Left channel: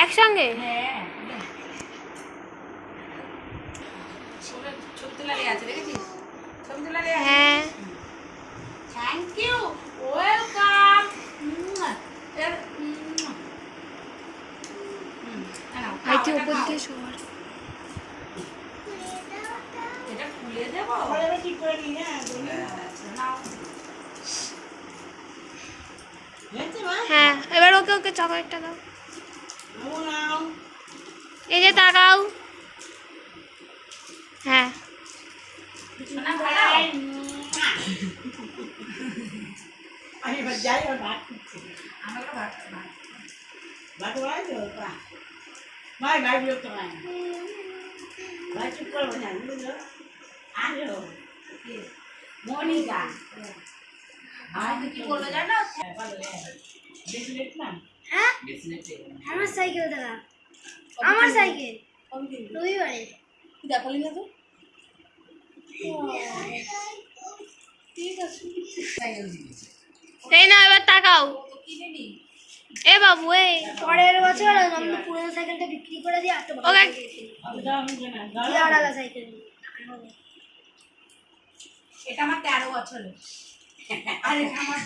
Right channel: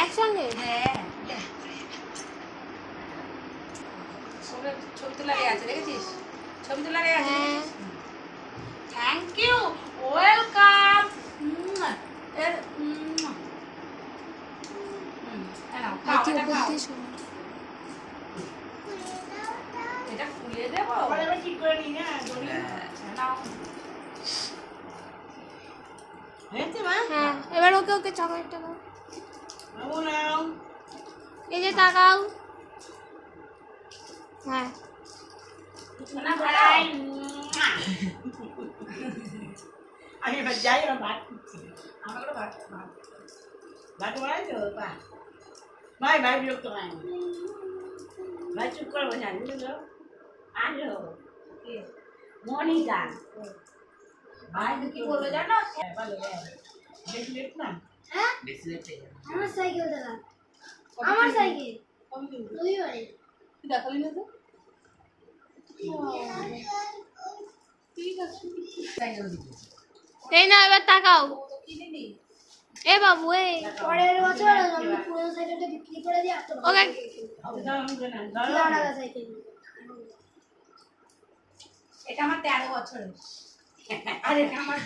একসঙ্গে হ্যাঁ ছবি তোলা আছে দেখেছিস ছবি তোলা আছে হ্যাঁ থ্যাংক ইউ ওয়েলকাম ভাই তুই ওপর দিয়ে শোয়ার এটা খুলে দেবো ঠিক করে নি হ্যাঁ এবার ওকে ওকে চকলেটটা দাও এই যে তাকাও হ্যাঁ আমি যাই ভাত আমরা ভাত ভাত বানাই তো ভাই ভাই বিরক্ত হয় না ভাই চুপ করবো না বুঝলো আলো মনিকা ভাই কি বললো জানো বেশি লেট না হ্যাঁ আমার সাইকেল দাদা আমার সাইকেল তুই বাড়ি দেখালি না তো ঠিক আছে সাইকেল দিবি এই না এবার তাকাও কিনে নি এ বাবু এই পরের বছর আমি পুরনো সাইকেলটা বিক্রি করে দিয়ে একটা ওকে সাইকেল এটা আমার 13 বছরের আর এটা আমার